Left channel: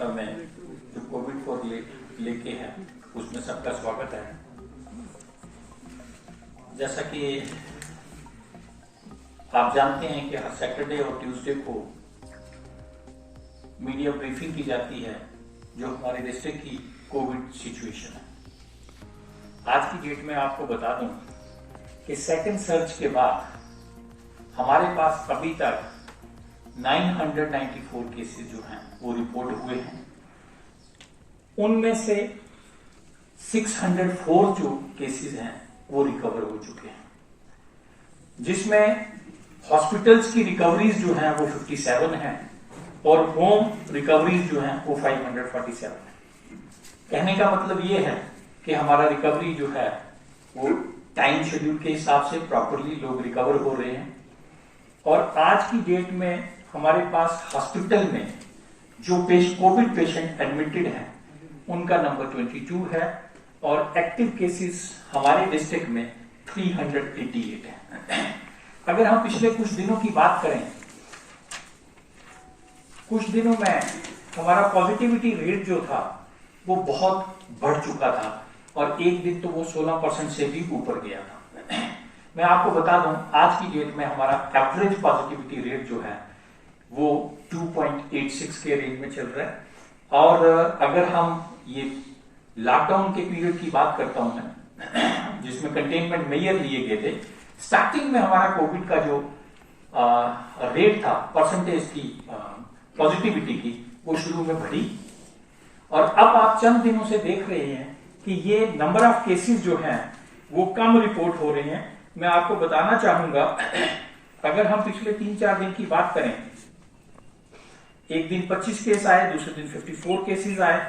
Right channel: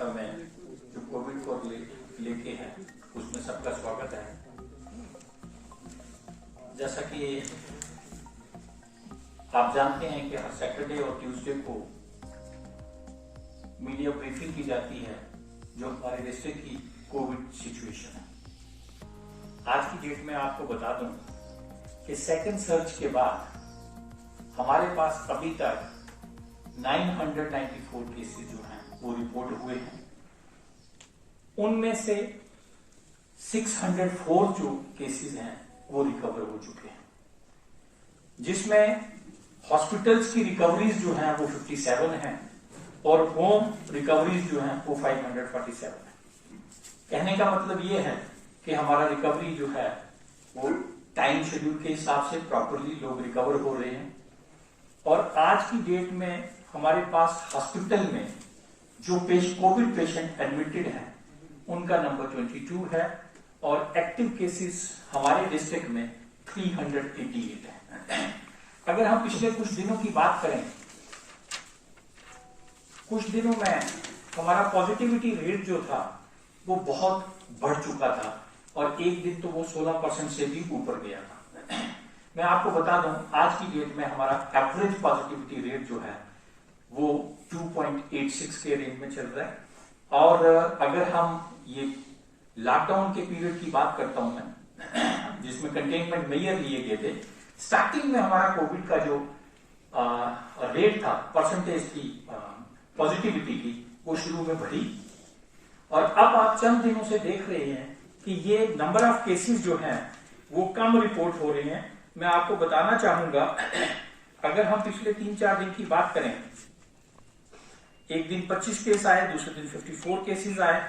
वार्ता में जो कोविड को लेके है उसमें सबका स्वागत है। जैसा कि आप जानते हैं कि हर सैटरडे और ट्यूसडे को मीडिया ब्रीफिंग की जाती है जो हमारे डिस्ट्रिक्ट की कोविड सिचुएशन है। आज की डेट में आपको बता दूं कि सेकेंड सर्च के बाद हमारे पास अभी तक 994 केसेस जो हैं वो रिपोर्ट हुए हैं। उनमें से 604 जो केसेस हैं वो रिकवर हो चुके हैं, जिसमें हॉस्पिटल्स की रिकवरीज जो हैं वो 57 हैं और होम रिकवरीज जो हैं वो 547 है। कहने का मतलब ये है कि हमारा रिकवरी जो है वो टाइम शेड्यूल के हिसाब से प्रॉपरली लोग रिकवर हो रहे हैं। और आज की डेट में हमारे पास हॉस्पिटल में जो कोविड पेशेंट एडमिटेड हैं उनका नंबर 22 है और एक्टिव केसेस हमारे डिस्ट्रिक्ट में 388 है। अगर हम पिछले कुछ दिनों की बात करें, कुछ दिनों में हमारा पॉजिटिविटी रेट जो था वो बहुत बढ़ चुका था और एक दिन तो वो 16% से भी ऊपर गया था। मैं आपको बता दूं आज की डेट में हमारा एवरेज पॉजिटिविटी रेट जो है वो 2.86 के रेंज में चल रहा है। और अगर हम ये लॉकडाउन के पीरियड की बात करता हूं मैं, जिसमें कंटेनमेंट मेजर लिए गए थे, स्टार्टिंग में हमारा कोविड का जो रेट था, परसेंटेज की पॉजिटिविटी की, वो शुरू में बढ़ी और अब आप चंद दिनों से देख रहे हैं कि ये नंबर ऑफ केसेस जो हैं वो कम रिपोर्ट हो रहे हैं। मैं आपको बताना चाहूंगा, अगर हम पिछले 3-4 दिन की बात करें, एक दिन 25 केस आए, दूसरे दिन 54 केसेस आए,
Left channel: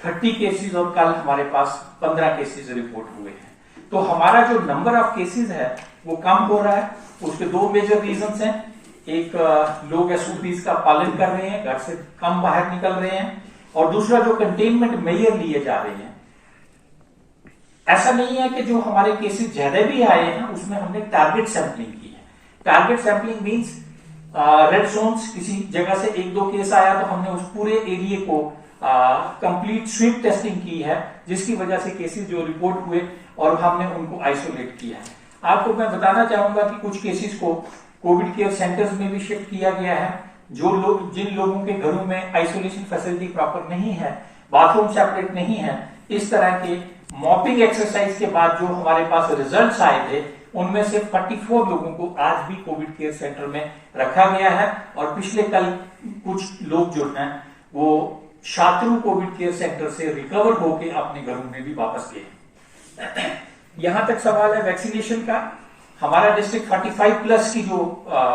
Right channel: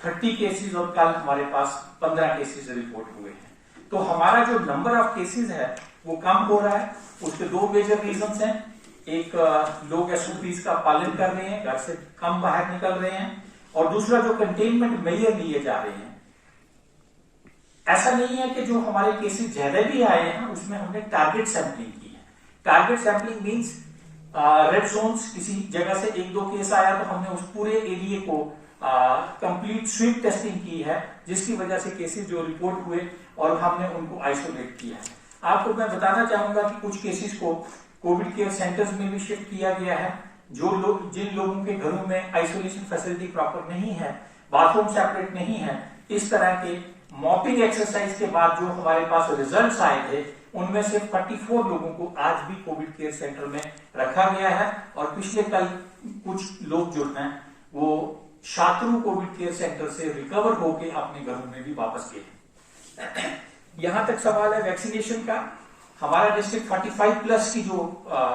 30 केसेस और कल हमारे पास 15 केसेस रिपोर्ट हुए हैं। तो हमारा जो नंबर ऑफ केसेस है वो कम हो रहा है। उसके दो मेजर रीजंस हैं। एक, लोग एसओपीज का पालन कर रहे हैं, घर से कम बाहर निकल रहे हैं, और दूसरा जो कंटेनमेंट मेजर लिए जा रहे हैं। ऐसा नहीं है कि जो हमारे केसेस ज्यादा भी आए हैं उसमें हमने टारगेट सैंपलिंग की है। Target sampling means red zones, किसी जगह से 1-2 केस आया तो हमने उस पूरे एरिया को कंप्लीट स्वीप टेस्टिंग की है, जिसकी वजह से केसेस जो रिपोर्ट हुए और हमने उनको आइसोलेट किया है। आपको मैं बताना चाहूंगा कि कुछ केसेस को कोविड केयर सेंटर्स में भी शिफ्ट किया गया है। जो लोग, जिन लोगों के घरों में आइसोलेशन फैसिलिटी प्रॉपर नहीं है, बाथरूम सेपरेट नहीं है, इस तरह के मॉपिंग एक्सरसाइज के बाद जो हमारे पास रिजल्ट्स आए थे उनमें से 44 लोगों को आज भी कोविड केयर सेंटर में रखा गया है। और पिछले कल कुछ लोग जो हैं वो शात्रु कोविड केयर सेंटर से रिकवर होकर अपने घरों में भी वापस गए। यहां तक सवाल है वैक्सीनेशन का। हमारा डिस्ट्रिक्ट 45 प्लस की जो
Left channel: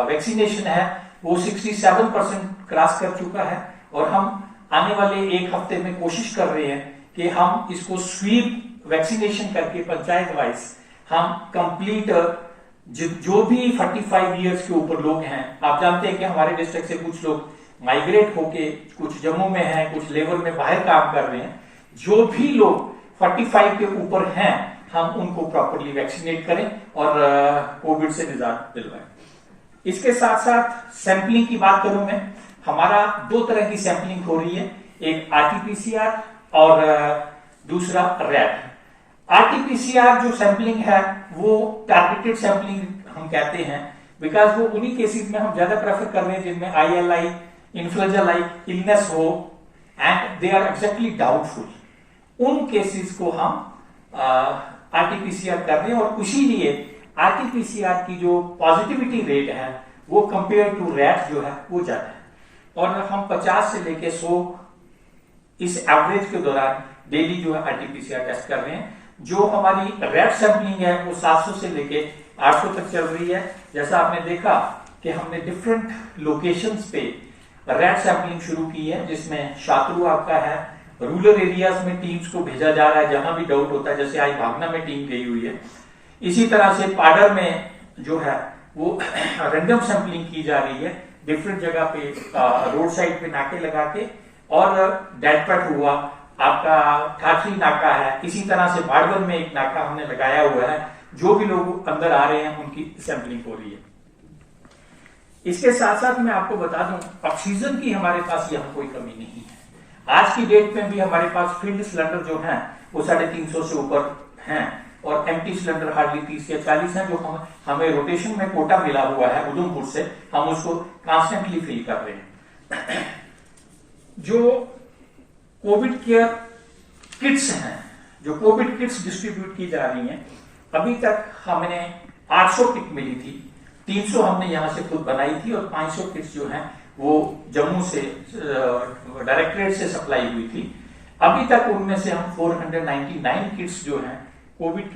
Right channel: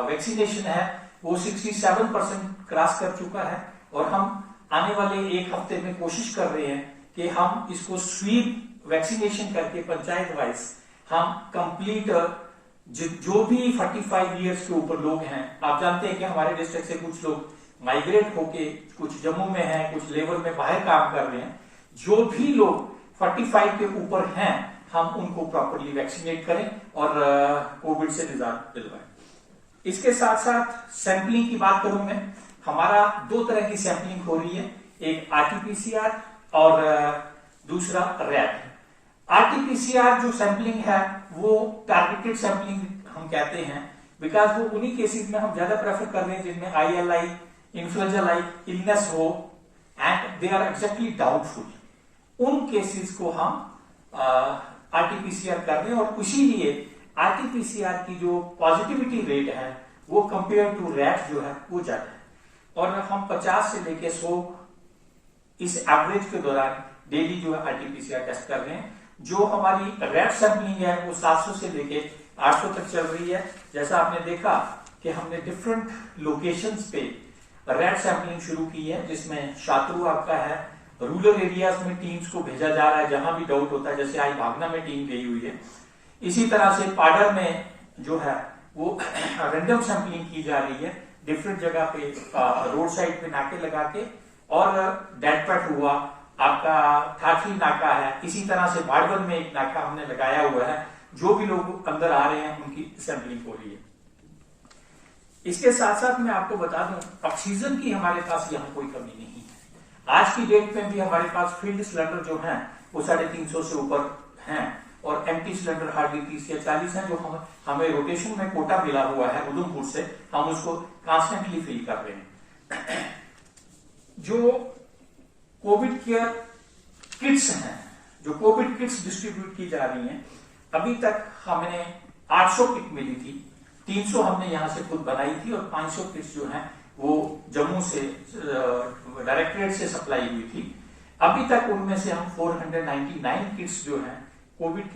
वैक्सीनेशन है वो 67% क्रॉस कर चुका है और हम आने वाले एक हफ्ते में कोशिश कर रहे हैं कि हम इसको स्वीप वैक्सीनेशन करके पंचायत वाइज हम कंप्लीट जो भी 45 इयर्स के ऊपर लोग हैं, आप जानते हैं कि हमारे डिस्ट्रिक्ट से कुछ लोग माइग्रेट होके कुछ जम्मू में हैं, कुछ लेबर में बाहर काम कर रहे हैं, जो भी लोग 45 के ऊपर हैं हम उनको प्रॉपरली वैक्सीनेट करें और कोविड से निजात दिलवाएं। इसके साथ साथ सैंपलिंग की बात करूं मैं, हमारा 2 तरह की सैंपलिंग हो रही है, एक आरटीपीसीआर और दूसरा रैट। आरटीपीसीआर जो सैंपलिंग है वो टारगेटेड सैंपलिंग हम कहते हैं, बिकॉज वो उन्हीं केसेस में हम ज्यादा प्रेफर कर रहे हैं जिनमें ILI, इन्फ्लुएंजा लाइक इलनेस हो and they are exactly doubtful. उन केसेस को हम आरटीपीसीआर कर रहे हैं और इसीलिए आरटीपीसीआर की जो पॉजिटिविटी रेट है वो कंपेयर टू रैट जो है वो ज्यादा है। और हम 50 से लेके 100 इस एवरेज के दौरान डेली जो है आरटीपीसीआर टेस्ट कर रहे हैं। जो हमारी रैट सैंपलिंग है वो 700 से लेके 800 तक चल रही है। जैसा आपने देखा कि हमने डिफरेंट लोकेशंस पे रैट सैंपलिंग शुरू की है, जिसमें शात्रु आपका है, रूरल एरियाज में टीम्स को भेजा जा रहा है जहां भी डाउट होता है, जैसे आज भागना में टीम गई हुई है। इसी तरह से पाडर में जो है वो रैंडम सैंपलिंग की जा रही है डिफरेंट जगह पे, रोड साइड पे नाके लगा के, और डेडपट हुआ आपका ठाठरी नाका है। इसी तरह से बाड़वन में एक नाका हमने लगाया हुआ है, जो भी लोग अंदर आ रहे हैं उनकी सैंपलिंग हो रही है। इसके साथ साथ मैं आपको बता दूं, ऑक्सीजन की हमारे पास यहां कोई कमी नहीं है। आज की डेट में भी हमारे पास फील्ड सिलेंडर जो है वो 350 से ऊपर हैं और एम्प्टी सिलेंडर हार्डली 30 या 40 हैं, जो हमें रोटेशन में कोटा मिला हुआ है उधमपुर से, हम उसको कॉन्स्टेंटली फिल कर रहे हैं। जो कोविड केयर किट्स हैं, जो कोविड किट्स डिस्ट्रीब्यूट की जा रही हैं, अभी तक हमने 800 किट मिली थी, 300 हमने यहां से खुद बनाई थी और 500 किट्स जो हैं वो जम्मू से डायरेक्टरेट से सप्लाई हुई थी। अभी तक उनमें से हम 499 किट्स जो हैं कोविड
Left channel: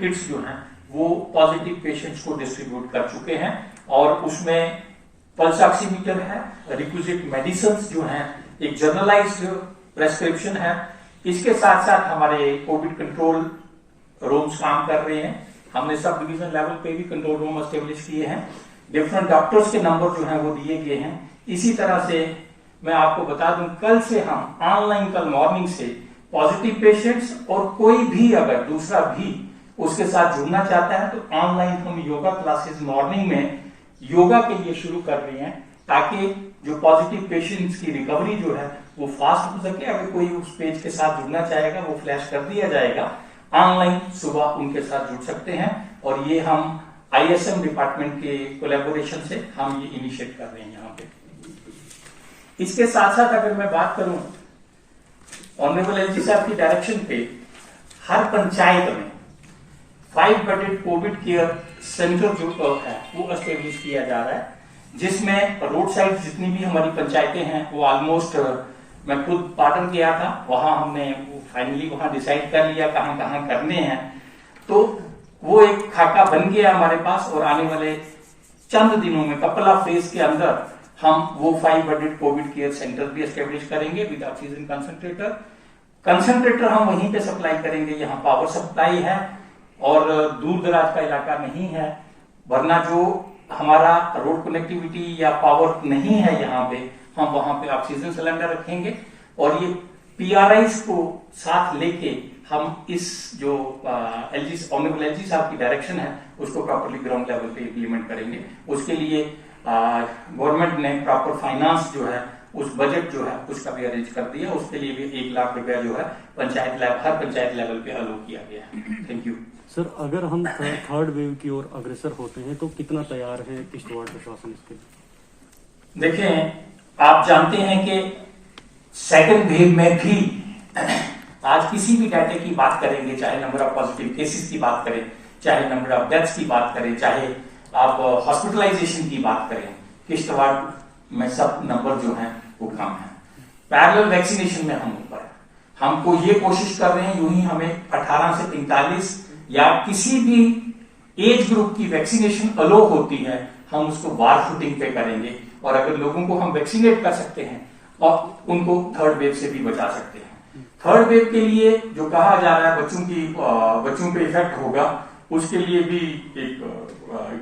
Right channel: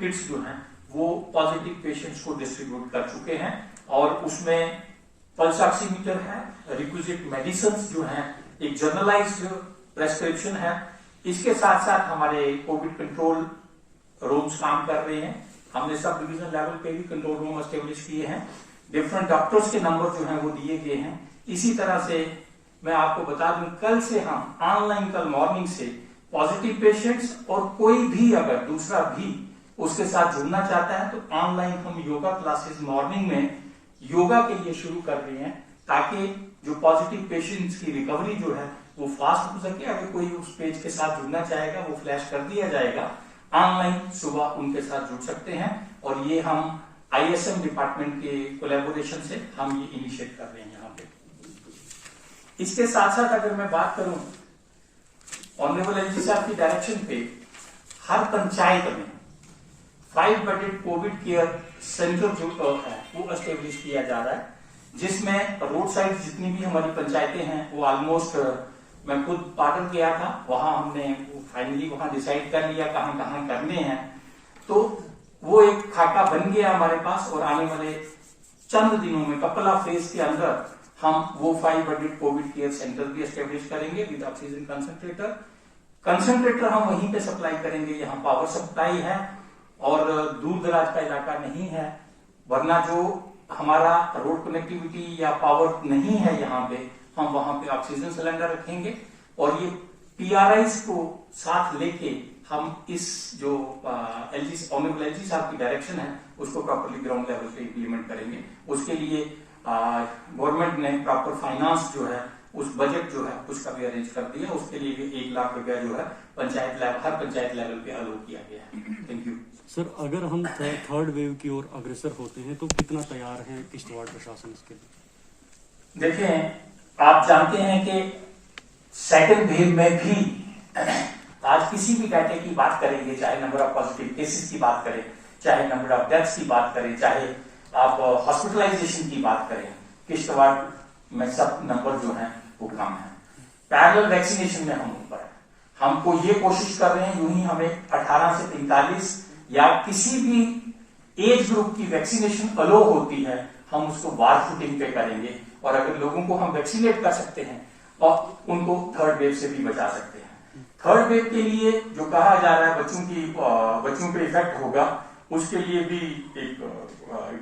किट्स जो हैं वो पॉजिटिव पेशेंट्स को डिस्ट्रीब्यूट कर चुके हैं और उसमें पल्स ऑक्सीमीटर है, रिक्विजिट मेडिसिन जो हैं, एक जर्नलाइज्ड प्रेस्क्रिप्शन है। इसके साथ साथ हमारे कोविड कंट्रोल रूम्स काम कर रहे हैं। हमने सब डिवीजन लेवल पे भी कंट्रोल रूम एस्टेब्लिश किए हैं। डिफरेंट डॉक्टर्स के नंबर जो हैं वो दिए गए हैं। इसी तरह से मैं आपको बता दूं, कल से हम ऑनलाइन, कल मॉर्निंग से पॉजिटिव पेशेंट्स और कोई भी अगर दूसरा भी उसके साथ जुड़ना चाहता है तो ऑनलाइन हम योगा क्लासेस मॉर्निंग में योगा के लिए शुरू कर रहे हैं, ताकि जो पॉजिटिव पेशेंट्स की रिकवरी जो है वो फास्ट हो सके। अगर कोई उस पेज के साथ जुड़ना चाहेगा वो फ्लैश कर दिया जाएगा, ऑनलाइन सुबह उनके साथ जुड़ सकते हैं। और ये हम ISM डिपार्टमेंट के कोलैबोरेशन से हम ये इनिशिएट कर रहे हैं यहाँ पे। इसके साथ साथ अगर मैं बात करूं, ऑनरेबल LG साहब की डायरेक्शन पे हर पंचायत में 5 बेडेड कोविड केयर सेंटर जो है वो एस्टेब्लिश किया जा रहा है, जिसमें रोड साइड जितनी भी हमारी पंचायतें हैं वो ऑलमोस्ट, मैं खुद पाटन गया था, वहां हमने फाइनली वहां डिसाइड कर लिया कहां कहां करने हैं। तो वो एक खाका बन गया हमारे पास और आने वाले चंद दिनों में, कपल ऑफ डेज के अंदर हम वो 5 बेडेड कोविड केयर सेंटर भी एस्टेब्लिश करेंगे विद ऑक्सीजन कंसंट्रेटर हम वहीं पे सप्लाई करेंगे। यहाँ पावर सप्लाई है और दूर दराज का इलाका नहीं है, वरना जो हमारा रोड कनेक्टिविटी या पावर नहीं है यहाँ पे, हम वहां पे ऑक्सीजन सिलेंडर रखेंगे और ये PRIs को साथ लेके हम इस जो ऑनरेबल LG साहब की डायरेक्शन है उसको प्रॉपरली ग्राउंड लेवल पे इम्प्लीमेंट करेंगे। उसके लिए गवर्नमेंट ने प्रॉपर फाइनेंस जो है, उस बजट जो है उसका भी अरेंज कर दिया। उसके लिए भी 1 लाख रुपया जो है हर पंचायत लेवल पे अलोट किया गया है। Thank you sir. अगर हम थर्ड वेव की ओर अग्रसर होते हैं तो कितना तैयार है किश्तवाड़ प्रशासन इसके लिए? देखें, आप जानते हैं कि सेकंड वेव में भी आज किसी भी डाटे की बात करेंगे, चाहे नंबर ऑफ पॉजिटिव केसेस की बात करें, चाहे नंबर ऑफ डेथ्स की बात करें, चाहे आप हॉस्पिटलाइजेशन की बात करें, किश्तवाड़ में सब नंबर जो है वो कम है। पैरेलल वैक्सीनेशन में हम ऊपर है। हमको ये कोशिश कर रहे हैं, यूं ही हमें 18 से 43 या किसी भी एज ग्रुप की वैक्सीनेशन अलो होती है, हम उसको वार फुटिंग पे करेंगे और अगर लोगों को हम वैक्सीनेट कर सकते हैं और उनको थर्ड वेव से भी बचा सकते हैं। थर्ड वेव के लिए जो कहा जा रहा है बच्चों पे इफेक्ट होगा, उसके लिए भी एक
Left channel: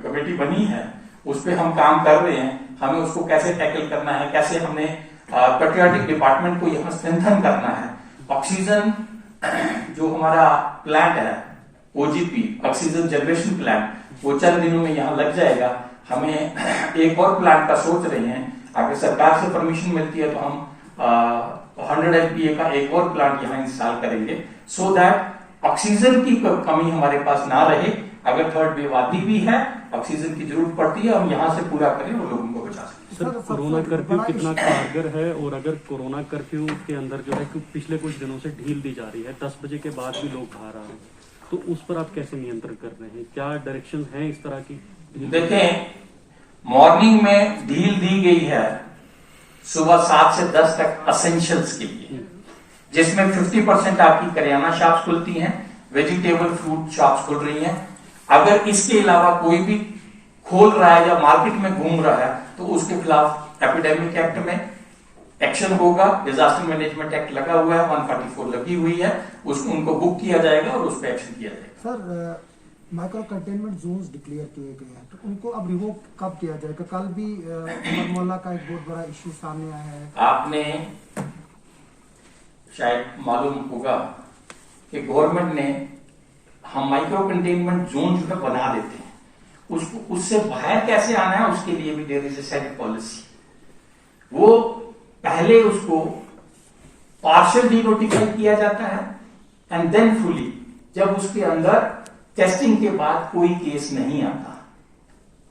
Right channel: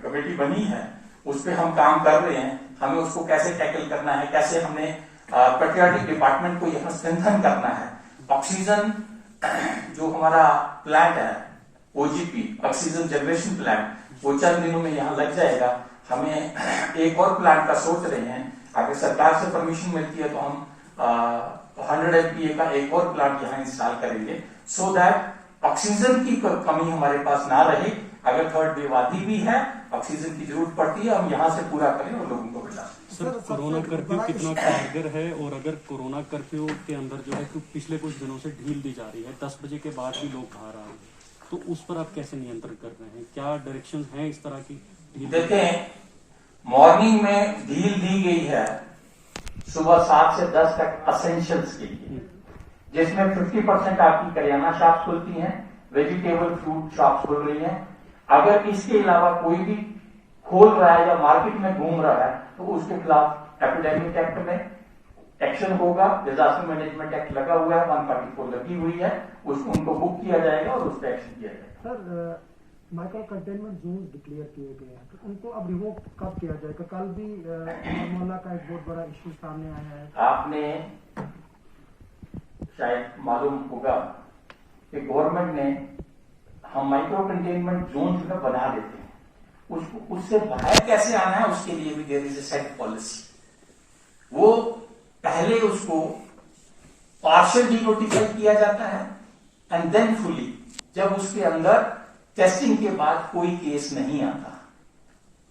कमेटी बनी है, उस पर हम काम कर रहे हैं। हमें उसको कैसे टैकल करना है, कैसे हमने पेट्रियाटिक डिपार्टमेंट को यहाँ स्ट्रेंथन करना है। ऑक्सीजन जो हमारा प्लांट है OGP ऑक्सीजन जनरेशन प्लांट, वो चंद दिनों में यहाँ लग जाएगा। हमें एक और प्लांट का सोच रहे हैं, अगर सरकार से परमिशन मिलती है तो हम 100 MPa का एक और प्लांट यहाँ इंस्टॉल करेंगे, सो दैट ऑक्सीजन की कमी हमारे पास ना रहे। अगर थर्ड वेव आती भी है, ऑक्सीजन की जरूरत पड़ती है, हम यहाँ से पूरा करें और लोगों को बचा सकें। सर, कोरोना कर्फ्यू कितना कारगर है और अगर कोरोना कर्फ्यू के अंदर जो है पिछले कुछ दिनों से ढील दी जा रही है, 10 बजे के बाद भी लोग बाहर आ रहे हैं, तो उस पर आप कैसे नियंत्रण कर रहे हैं? क्या डायरेक्शन है इस तरह की? देखें, मॉर्निंग में ढील दी गई है सुबह 7 से 10 तक असेंशियल्स के लिए, जिसमें 50% आपकी करियाना शॉप्स खुलती हैं, वेजिटेबल फ्रूट शॉप्स खुल रही हैं। अगर इसके अलावा कोई भी खोल रहा है या मार्केट में घूम रहा है तो उसके खिलाफ एपिडेमिक एक्ट में एक्शन होगा। डिजास्टर मैनेजमेंट एक्ट लगा हुआ है, 144 लगी हुई है, उसको उनको बुक किया जाएगा और उस पर एक्शन किया जाएगा। Sir, micro containment Jones declare किए गए हैं, तो उनको अब रिवोक कब किया जाएगा? कल भी उमर मोहल्ला का एक बहुत बड़ा इश्यू सामने आया है। आपने शायद मालूम होगा कि गवर्नमेंट ने, हम माइक्रो कंटेनमेंट जोन जो है बना देते हैं, उसको उससे बाहर कैसे आना है उसके लिए भी there is a set policy. वो पहले उसको पार्शियल डी नोटिफाई किया जाता है एंड देन फुली, जब उसके अंदर टेस्टिंग के बाद कोई केस नहीं आता।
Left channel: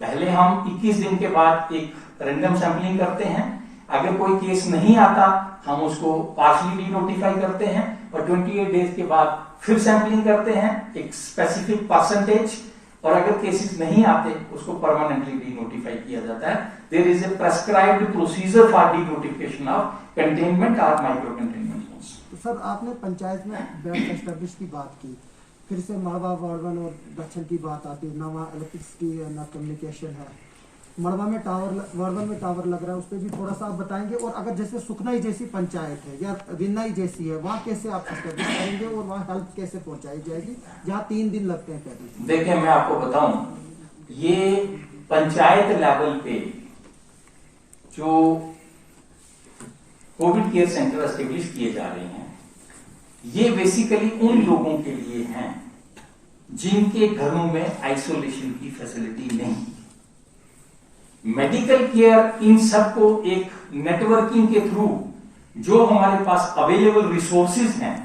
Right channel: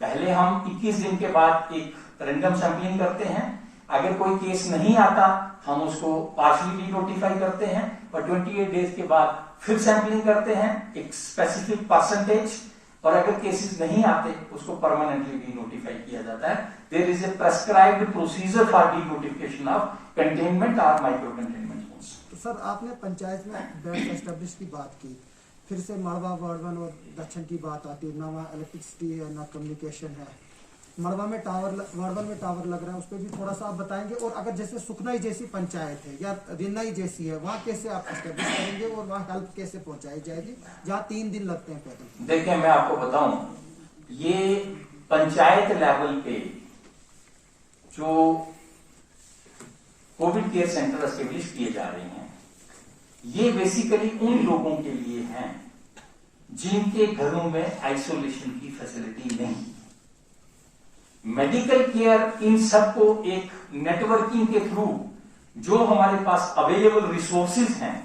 पहले हम 21 दिन के बाद एक रैंडम सैंपलिंग करते हैं, अगर कोई केस नहीं आता हम उसको पार्शियली डी नोटिफाई करते हैं, और 28 डेज के बाद फिर सैंपलिंग करते हैं एक स्पेसिफिक परसेंटेज, और अगर केसेस नहीं आते उसको परमानेंटली डी नोटिफाई किया जाता है। There is a prescribed procedure for the notification of containment और माइक्रो कंटेनमेंट जोन्स। तो सर आपने पंचायत में बेड एस्टेब्लिश की बात की, फिर से मड़वा वार्डन और दक्षिण की बात आती है, नवा इलेक्ट्रिसिटी है ना कम्युनिकेशन है, मड़वा में टावर, वार्डन में टावर लग रहा है, उस पर भी थोड़ा सा आप बताएंगे। और अगर जैसे सुखनाई जैसी पंचायत है या रिन्नाई जैसी है, वहाँ कैसे आप एस्टेब्लिश करेंगे और वहाँ हेल्प कैसे पहुंचाई जाएगी जहाँ 3 दिन लगते हैं पैदल? देखिए मैं आपको बताऊं, ये पंचायत लेवल पे जो कोविड केयर सेंटर एस्टेब्लिश किए जा रहे हैं, ये बेसिकली उन लोगों के लिए हैं जिनके घरों में आइसोलेशन की फैसिलिटी नहीं है। मेडिकल केयर इन सबको एक नेटवर्किंग के थ्रू जो हमारे पास अवेलेबल रिसोर्सेज हैं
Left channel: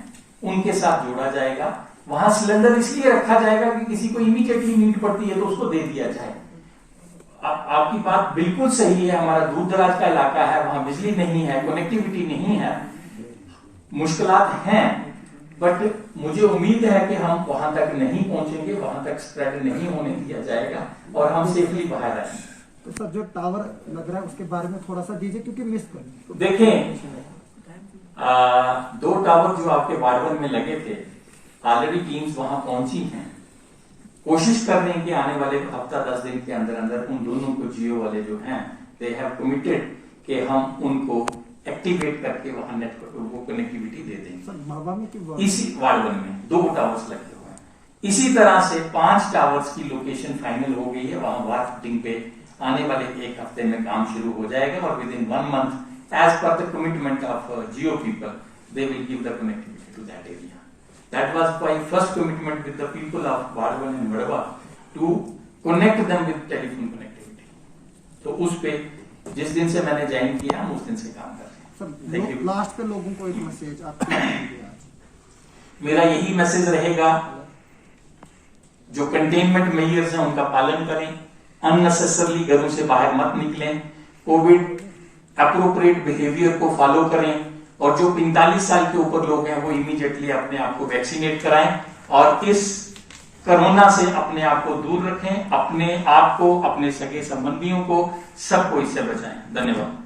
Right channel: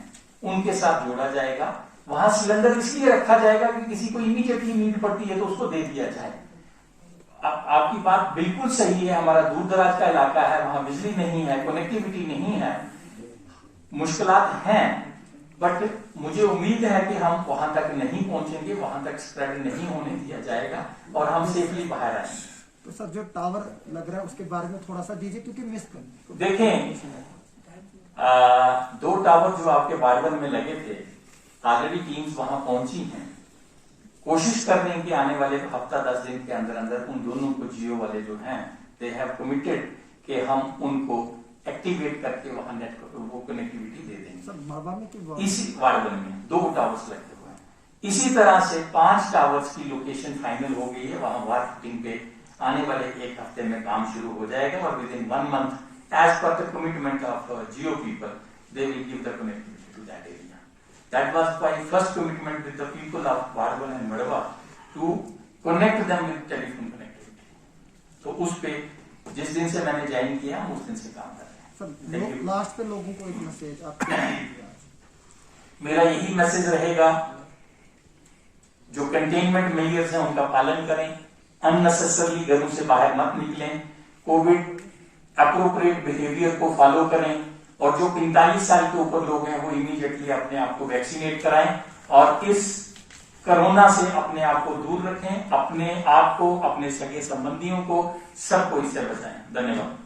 उनके साथ जोड़ा जाएगा। वहां सिलेंडर इसलिए रखा जाएगा कि किसी को इमीडिएटली नीड पड़ती है तो उसको दे दिया जाए। आपकी बात बिल्कुल सही है, हमारा दूर दराज का इलाका है, वहां बिजली नहीं है, कनेक्टिविटी नहीं है, मुश्किलात हैं, बट मुझे उम्मीद है कि हम वहां तक नहीं पहुंचेंगे, वहां तक स्प्रेड नहीं होने दिया जाएगा और हम सेफली बाहर आएंगे। तो सर जो टावर लग रहा है उसके बारे में थोड़ा सा दीजिए, क्योंकि मिस कर देखें 2 टावर जो आपके बारबन में लगे थे, ऑलरेडी टीम्स वहां पहुंची हैं, कोशिश कर रहे हैं कि आने वाले हफ्ता 10 दिन के अंदर अंदर उन दोनों को जियो वाले जो हैं दे हैव कमिटेड कि हम उनको एक्टिवेट करके वहां नेटवर्क वो कनेक्टिविटी दे देंगे। सर मड़वा में क्यों? इसी वार्डन में 2 टावर्स लगे हुए हैं। इसी तरह से 5 टावर्स की लोकेशन फाइनल हो गई है, वहां वार फिटिंग पे आने वाले 1 हफ्ते में काम शुरू हो जाएगा और within 1 month as per the commitment of Jio people they will give the connectivity to that area. That was my first commitment with the people of Bardwan and Madhwa to connect them with telephone connectivity. तो उस पे जिस दिन से मैंने join किया हम उस दिन से काम कर रहे हैं। लास्ट पे लोगों को एक मैसेज आप मेरा यही मैसेज रहेगा, जो कंटेनमेंट मेजर्स हैं उनका पालन करें, अननेसेसरली घरों से बाहर मत निकलें, कोविड अप्रोप्रिएट बिहेवियर को फॉलो करें, और जो 45 साल के ऊपर लोग हैं वो इमीडिएटली अपने आप को वैक्सीनेट कराएं और इस कोरोना से अपने आप को दूर रखें, अपने आप को, अपने सगे संबंधियों को, सबको इससे बचाएं। धन्यवाद।